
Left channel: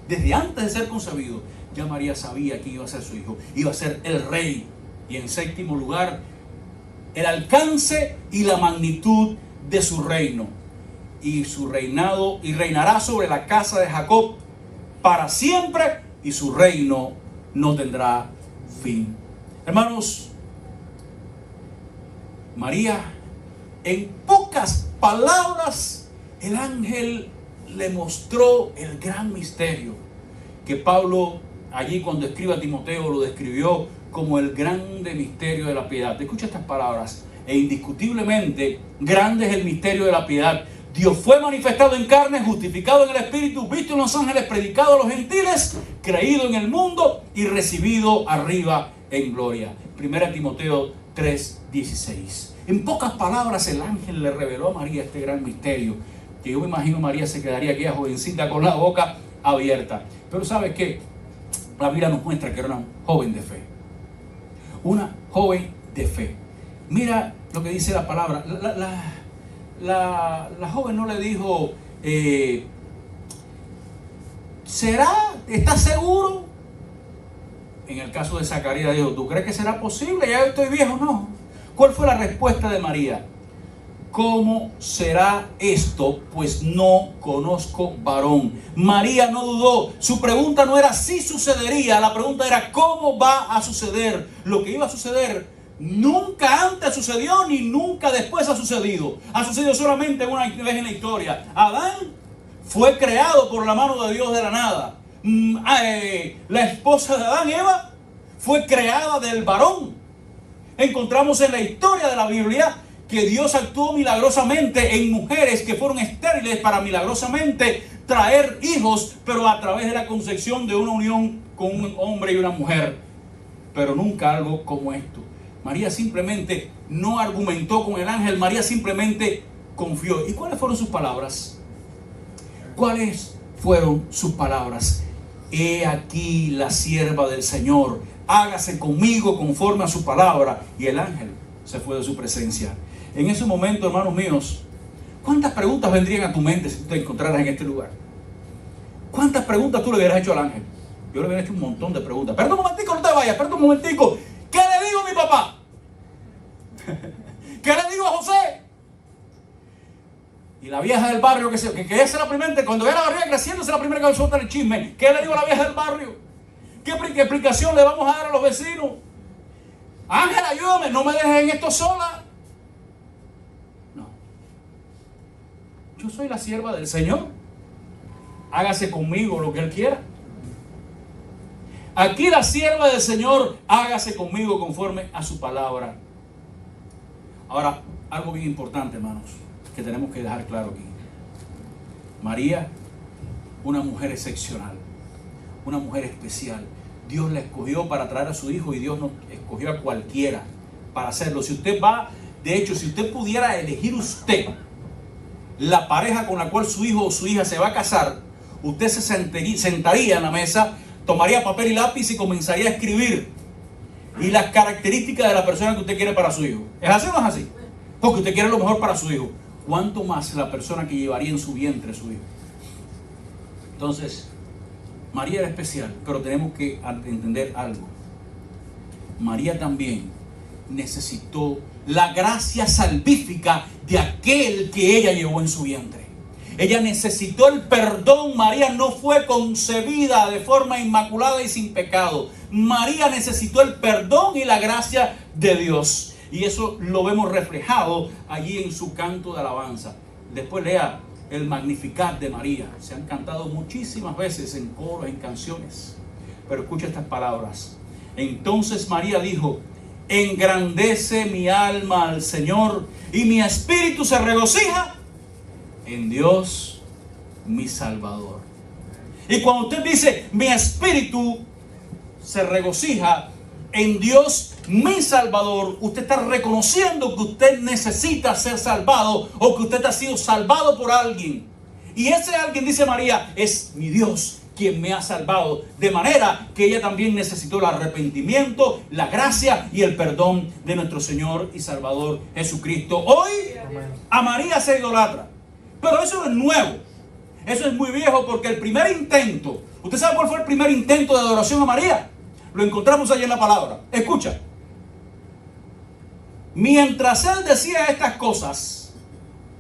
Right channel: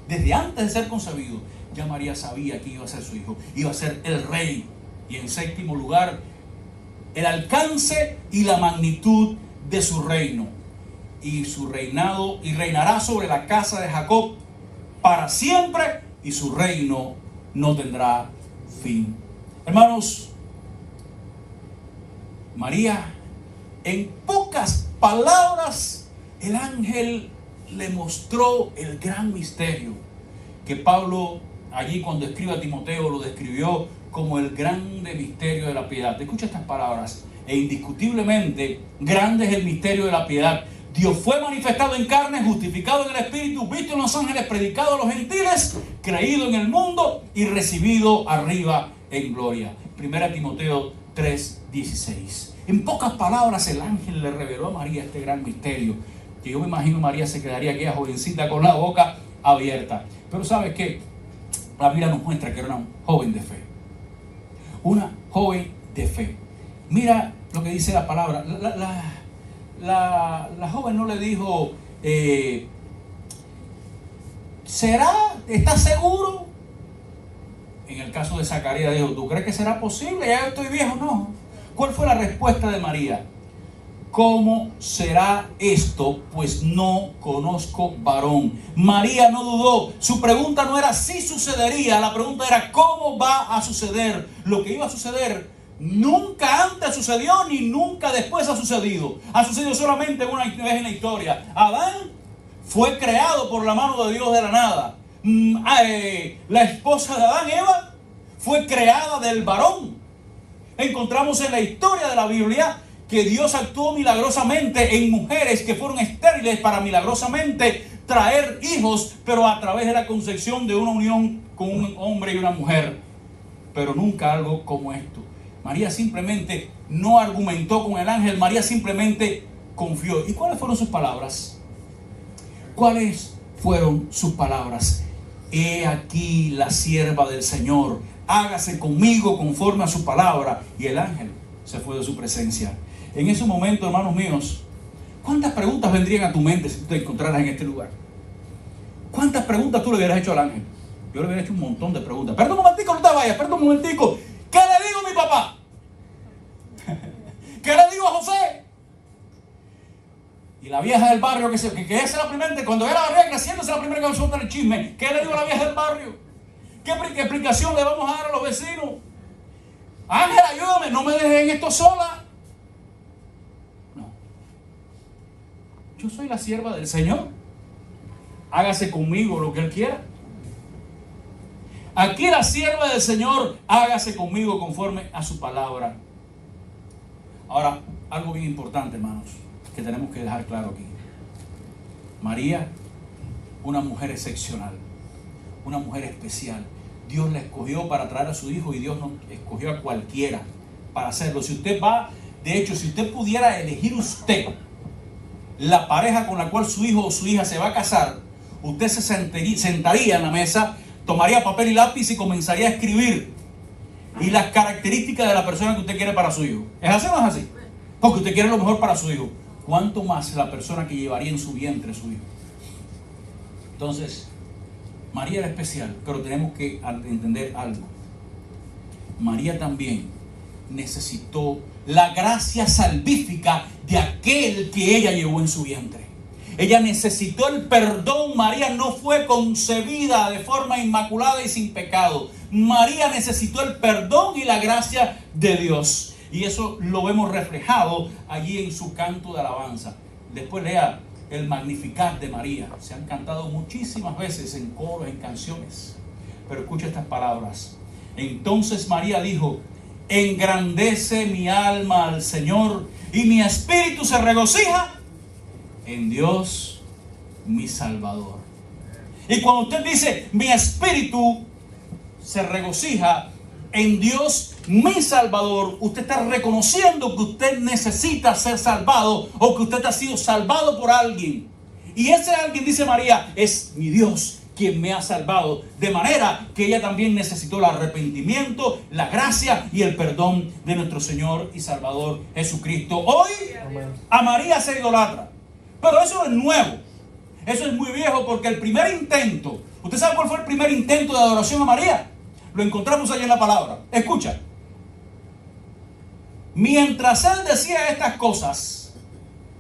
Desde antes de ser concebido, ya María sabía que iba a ser su hijo. Iba a ser el rey. Y en séptimo lugar, el alcance y la magnitud de su reino. Y su reinado, y reinará sobre la casa de Jacob para siempre, y su reino no tendrá fin. Hermanos, María, en pocas palabras, el ángel le mostró el gran misterio que Pablo allí cuando escribe a Timoteo lo describió como el grande misterio de la piedad. Escucha estas palabras: e indiscutiblemente grande es el misterio de la piedad. Dios fue manifestado en carne, justificado en el Espíritu, visto en los ángeles, predicado a los gentiles, creído en el mundo y recibido arriba en gloria. 1 Timoteo 3:16. En pocas palabras el ángel le reveló a María este gran misterio, que yo me imagino María se quedaría aquella jovencita con la boca abierta. Pero ¿sabes qué? La Biblia nos muestra que era una joven de fe. Una joven de fe. Mira lo que dice la palabra. La joven no le dijo, ¿estás seguro? En el caso de Zacarías dijo, ¿tú crees que será posible? Ya yo estoy viejo. No. ¿Cuál fue la respuesta de María? ¿Cómo será esto? Pues no conozco varón. María no dudó. Su pregunta no era si sucedería, la pregunta era cómo va a suceder. Lo que iba a suceder Nunca antes sucedió ni nunca después ha sucedido. Ha sucedido solamente una vez en la historia. Adán fue creado por la mano de Dios de la nada. La esposa de Adán, Eva, fue creada del varón. Encontramos en la historia de la Biblia que Dios actuó milagrosamente en mujeres que fueron estériles para milagrosamente traer hijos, pero a través de la concepción de una unión con un hombre y una mujer. Pero nunca algo como esto. María simplemente no argumentó con el ángel, María simplemente confió. ¿Y cuáles fueron sus palabras? ¿Cuáles fueron sus palabras? He aquí la sierva del Señor, hágase conmigo conforme a su palabra. Y el ángel se fue de su presencia. En ese momento, hermanos míos, ¿cuántas preguntas vendrían a tu mente si tú te encontraras en este lugar? ¿Cuántas preguntas tú le hubieras hecho al ángel? Yo le hubiera hecho un montón de preguntas. Perdón un momentico, no te vayas, perdón un momentico. ¿Qué le digo a mi papá? ¿Qué le digo a José? Y la vieja del barrio, que esa es la primera, cuando era la barriga creciendo, esa es la primera que suelta el chisme. ¿Qué le digo a la vieja del barrio? ¿Qué explicación le vamos a dar a los vecinos? Ángel, ayúdame, no me dejes en esto sola. No. Yo soy la sierva del Señor. Hágase conmigo lo que Él quiera. Aquí la sierva del Señor, hágase conmigo conforme a su palabra. Ahora, algo bien importante, hermanos, que tenemos que dejar claro aquí. María, una mujer excepcional, una mujer especial. Dios la escogió para traer a su hijo y Dios no escogió a cualquiera para hacerlo. Si usted va, de hecho, si usted pudiera elegir usted la pareja con la cual su hijo o su hija se va a casar, usted se sentaría en la mesa, tomaría papel y lápiz y comenzaría a escribir y las características de la persona que usted quiere para su hijo. ¿Es así o no es así? Porque usted quiere lo mejor para su hijo. ¿Cuánto más la persona que llevaría en su vientre su hijo? Entonces, María era especial, pero tenemos que entender algo. María también necesitó la gracia salvífica de aquel que ella llevó en su vientre. Ella necesitó el perdón. María no fue concebida de forma inmaculada y sin pecado. María necesitó el perdón y la gracia de Dios. Y eso lo vemos reflejado allí en su canto de alabanza. Después lea el Magnificat de María. Se han cantado muchísimas veces en coros, en canciones. Pero escucha estas palabras. Entonces María dijo: engrandece mi alma al Señor y mi espíritu se regocija en Dios mi Salvador. Y cuando usted dice mi espíritu se regocija en Dios mi Salvador, usted está reconociendo que usted necesita ser salvado o que usted ha sido salvado por alguien. Y ese alguien, dice María, es mi Dios quien me ha salvado. De manera que ella también necesitó el arrepentimiento, la gracia y el perdón de nuestro Señor y Salvador Jesucristo. Hoy a María se idolatra. Pero eso no es nuevo. Eso es muy viejo, porque el primer intento, ¿usted sabe cuál fue el primer intento de adoración a María? Lo encontramos allí en la palabra. Escucha. Mientras él decía estas cosas,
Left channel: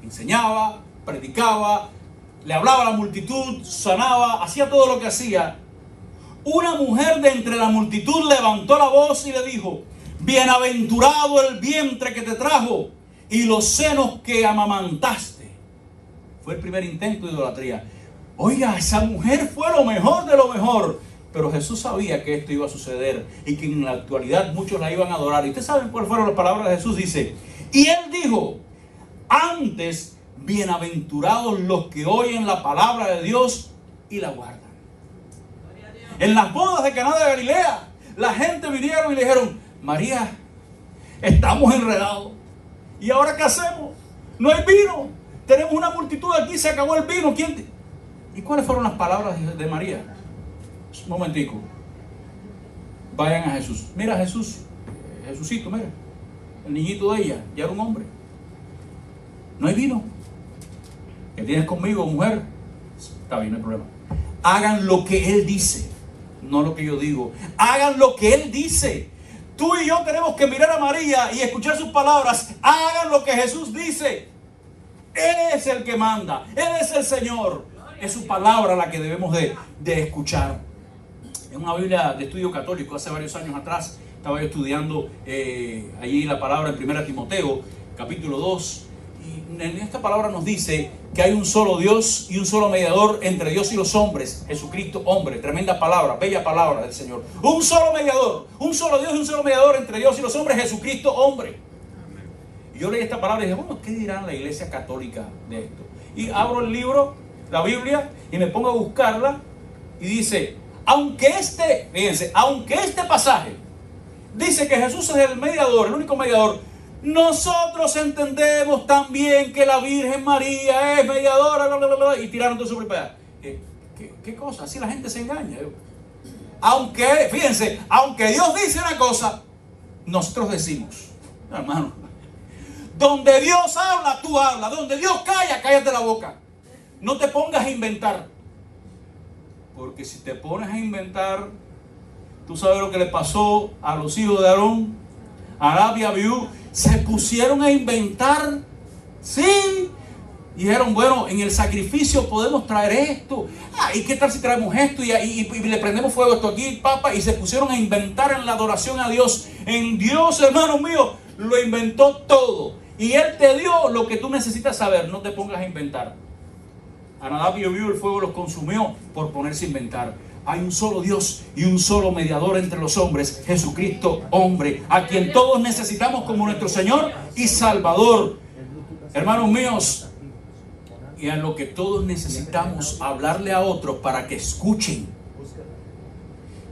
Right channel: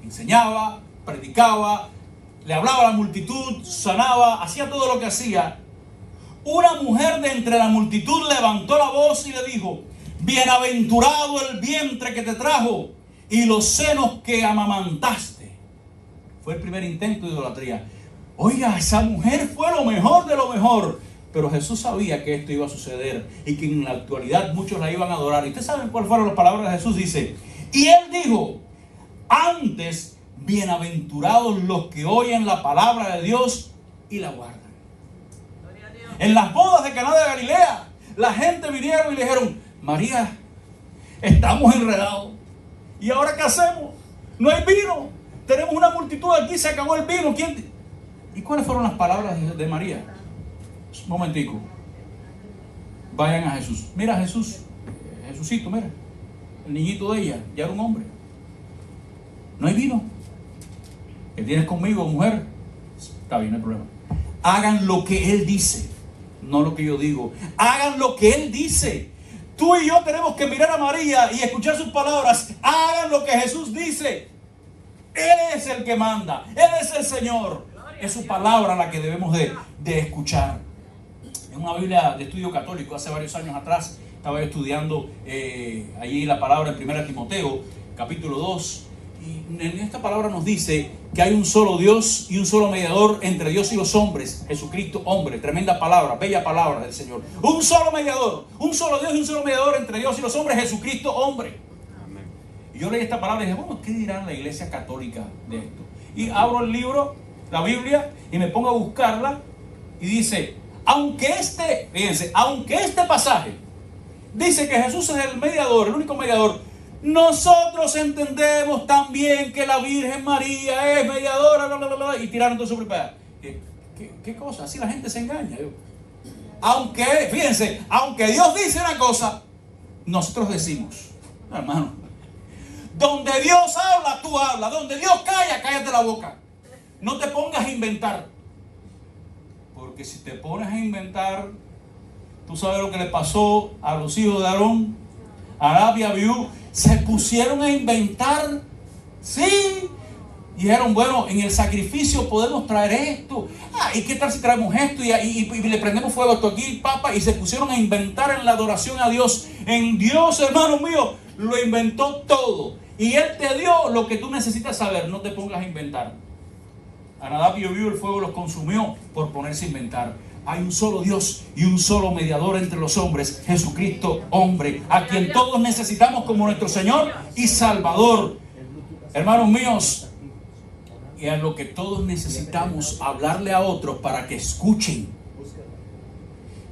enseñaba, predicaba, le hablaba a la multitud, sanaba, hacía todo lo que hacía, una mujer de entre la multitud levantó la voz y le dijo: bienaventurado el vientre que te trajo y los senos que amamantaste. Fue el primer intento de idolatría. Oiga, esa mujer fue lo mejor de lo mejor. Pero Jesús sabía que esto iba a suceder y que en la actualidad muchos la iban a adorar. ¿Y ustedes saben cuáles fueron las palabras de Jesús? Dice: y él dijo: antes, bienaventurados los que oyen la palabra de Dios y la guardan. En las bodas de Caná de Galilea, la gente vinieron y le dijeron: María, estamos enredados. ¿Y ahora qué hacemos? No hay vino. Tenemos una multitud aquí, se acabó el vino. ¿Y cuáles fueron las palabras de María? Un momentico. Vayan a Jesús. Mira Jesús, Jesucito, mira. El niñito de ella, ya era un hombre. No hay vino. ¿Qué tienes conmigo, mujer? Está bien, no hay problema. Hagan lo que Él dice, no lo que yo digo. Hagan lo que Él dice. Tú y yo tenemos que mirar a María y escuchar sus palabras. Hagan lo que Jesús dice. Él es el que manda. Él es el Señor. Es su palabra la que debemos de escuchar. En una Biblia de estudio católico hace varios años atrás estaba yo estudiando allí la palabra en 1 Timoteo, capítulo 2. Y en esta palabra nos dice que hay un solo Dios y un solo mediador entre Dios y los hombres, Jesucristo hombre. Tremenda palabra, bella palabra del Señor. Un solo mediador, un solo Dios y un solo mediador entre Dios y los hombres, Jesucristo hombre. Y yo leí esta palabra y dije, bueno, ¿qué dirá la iglesia católica de esto? Y abro el libro, la Biblia, y me pongo a buscarla y dice, fíjense, aunque este pasaje dice que Jesús es el mediador, el único mediador, nosotros entendemos también que la Virgen María es mediadora, bla, bla, bla, bla, y tiraron todo sobre el pedazo. ¿Qué cosa? Así la gente se engaña. Fíjense, aunque Dios dice una cosa, nosotros decimos, no, hermano, donde Dios habla, tú hablas. Donde Dios calla, cállate la boca. No te pongas a inventar. Porque si te pones a inventar, tú sabes lo que le pasó a los hijos de Aarón, a Nadab y Abiú. Se pusieron a inventar. Sí. Y dijeron, bueno, en el sacrificio podemos traer esto. ¿Y qué tal si traemos esto? Y le prendemos fuego a esto aquí, papa. Y se pusieron a inventar en la adoración a Dios. En Dios, hermano mío, lo inventó todo. Y Él te dio lo que tú necesitas saber. No te pongas a inventar. A Nadab y Abiú el fuego los consumió por ponerse a inventar. Hay un solo Dios y un solo mediador entre los hombres, Jesucristo hombre, a quien todos necesitamos como nuestro Señor y Salvador. Hermanos míos, y a lo que todos necesitamos hablarle a otros para que escuchen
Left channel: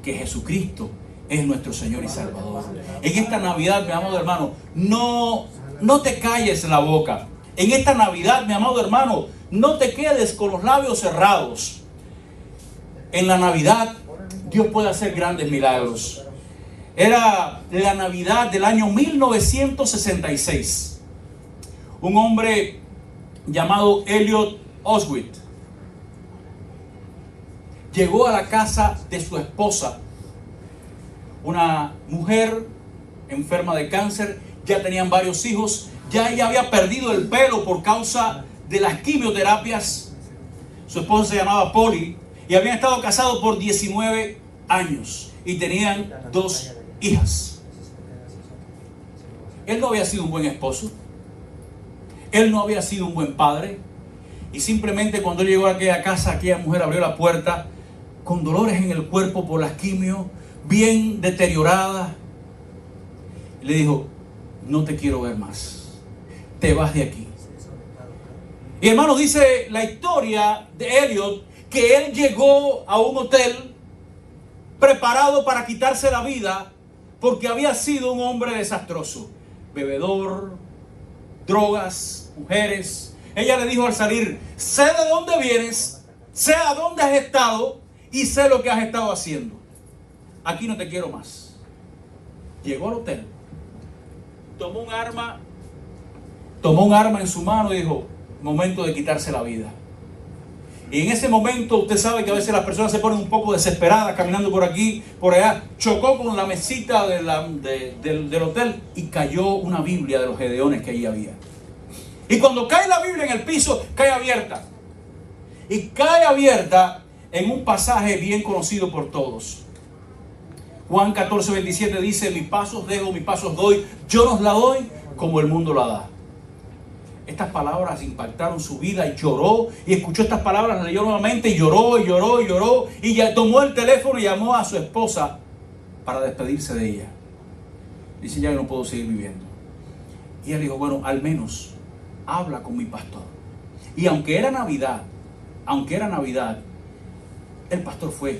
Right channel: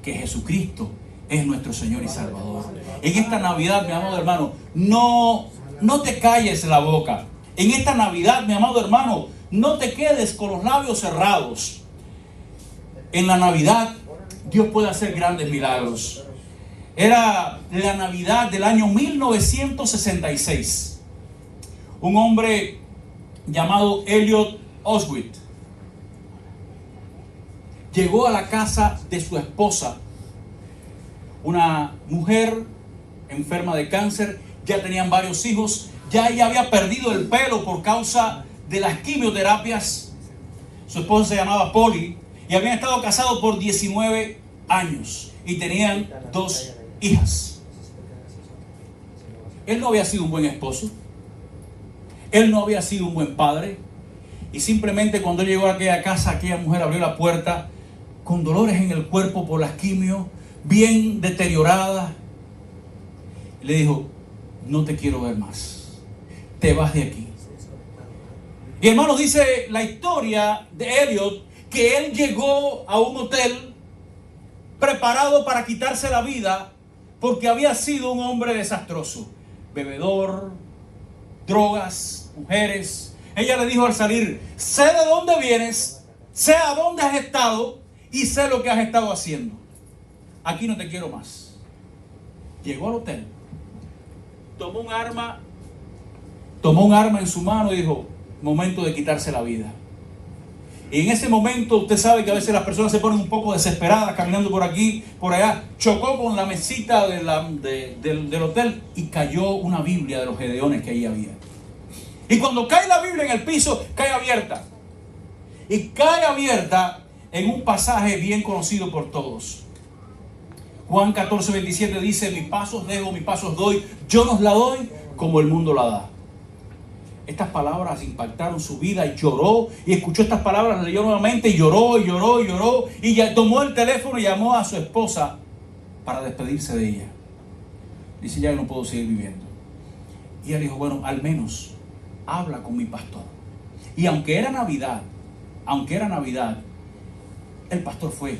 que Jesucristo es nuestro Señor y Salvador. En esta Navidad, mi amado hermano, no te calles la boca. En esta Navidad, mi amado hermano, no te quedes con los labios cerrados. En la Navidad, Dios puede hacer grandes milagros. Era la Navidad del año 1966. Un hombre llamado Elliot Oswald llegó a la casa de su esposa, una mujer enferma de cáncer. Ya tenían varios hijos. Ya ella había perdido el pelo por causa de las quimioterapias. Su esposa se llamaba Polly y habían estado casados por 19 años y tenían 2 hijas. Él no había sido un buen esposo. Él no había sido un buen padre. Y simplemente cuando él llegó a aquella casa, aquella mujer abrió la puerta con dolores en el cuerpo por las quimios, bien deteriorada. Le dijo, no te quiero ver más. Te vas de aquí. Y hermanos, dice la historia de Elliot que él llegó a un hotel preparado para quitarse la vida porque había sido un hombre desastroso. Bebedor, drogas, mujeres. Ella le dijo al salir, sé de dónde vienes, sé a dónde has estado y sé lo que has estado haciendo. Aquí no te quiero más. Llegó al hotel, tomó un arma en su mano y dijo, momento de quitarse la vida. Y en ese momento usted sabe que a veces las personas se ponen un poco desesperadas caminando por aquí, por allá. Chocó con la mesita del hotel y cayó una Biblia de los Gedeones que ahí había. Y cuando cae la Biblia en el piso, cae abierta. Y cae abierta en un pasaje bien conocido por todos. Juan 14:27 dice, mis pasos dejo, mis pasos doy, yo nos la doy como el mundo la da. Estas palabras impactaron su vida y lloró y escuchó estas palabras, leyó nuevamente y lloró y lloró y lloró y ya tomó el teléfono y llamó a su esposa para despedirse de ella. Dice, ya no puedo seguir viviendo. Y ella dijo, bueno, al menos habla con mi pastor. Y aunque era Navidad, el pastor fue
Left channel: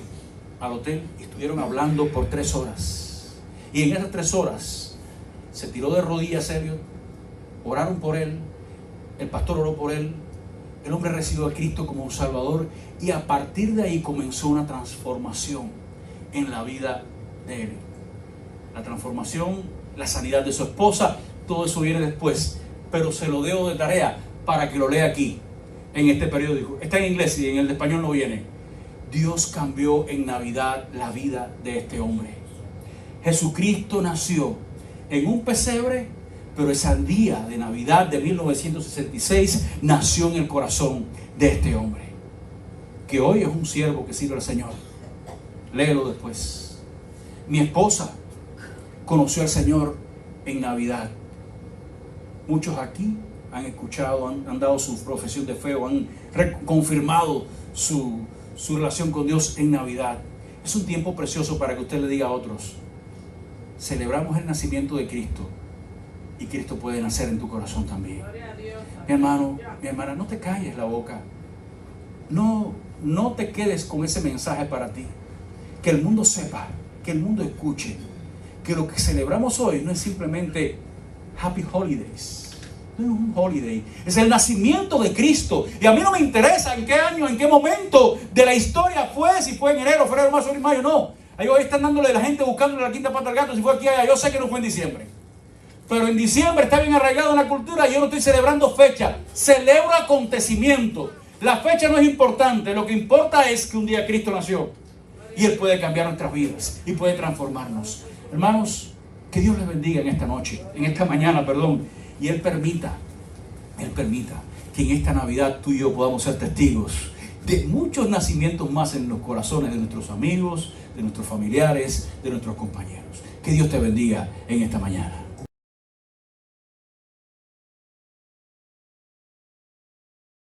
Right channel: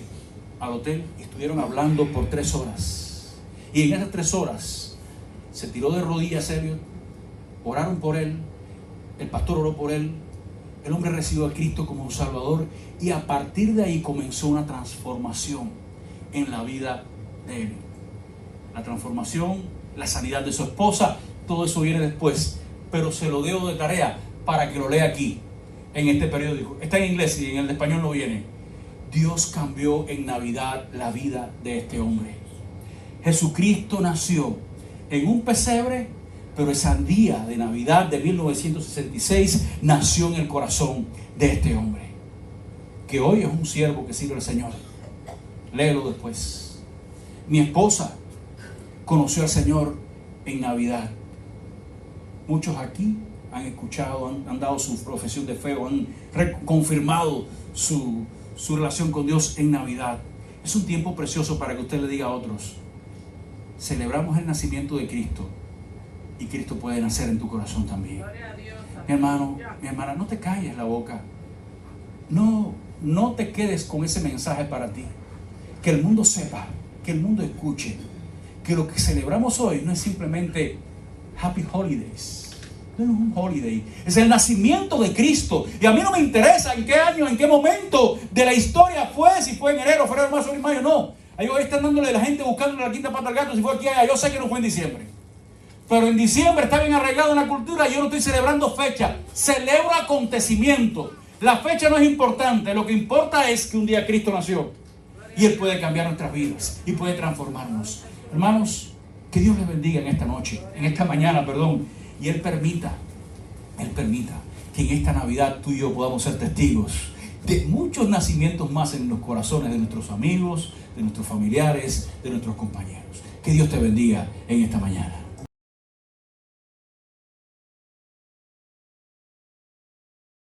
al hotel y estuvieron hablando por 3 horas. Y en esas 3 horas se tiró de rodillas serio, oraron por él. El pastor oró por él, el hombre recibió a Cristo como un Salvador y a partir de ahí comenzó una transformación en la vida de él. La transformación, la sanidad de su esposa, todo eso viene después, pero se lo dejo de tarea para que lo lea aquí, en este periódico. Está en inglés y en el español no viene. Dios cambió en Navidad la vida de este hombre. Jesucristo nació en un pesebre, pero ese día de Navidad de 1966 nació en el corazón de este hombre, que hoy es un siervo que sirve al Señor. Léelo después. Mi esposa conoció al Señor en Navidad. Muchos aquí han escuchado, han dado su profesión de fe o han confirmado su relación con Dios en Navidad. Es un tiempo precioso para que usted le diga a otros: celebramos el nacimiento de Cristo y Cristo puede nacer en tu corazón también. Mi hermano, mi hermana, no te calles la boca. No te quedes con ese mensaje para ti. Que el mundo sepa, que el mundo escuche que lo que celebramos hoy no es simplemente Happy Holidays. No es un holiday, es el nacimiento de Cristo. Y a mí no me interesa en qué año, en qué momento de la historia fue, si fue en enero, febrero, marzo, abril, mayo, no. Ahí hoy están dándole a la gente buscándole la quinta pata al gato, si fue aquí allá. Yo sé que no fue en diciembre, pero en diciembre está bien arraigado en la cultura y yo no estoy celebrando fecha, celebro acontecimiento. La fecha no es importante, lo que importa es que un día Cristo nació y Él puede cambiar nuestras vidas y puede transformarnos. Hermanos, que Dios les bendiga en esta noche, en esta mañana, perdón. Y Él permita que en esta Navidad tú y yo podamos ser testigos de muchos nacimientos más en los corazones de nuestros amigos, de nuestros familiares, de nuestros compañeros. Que Dios te bendiga en esta mañana.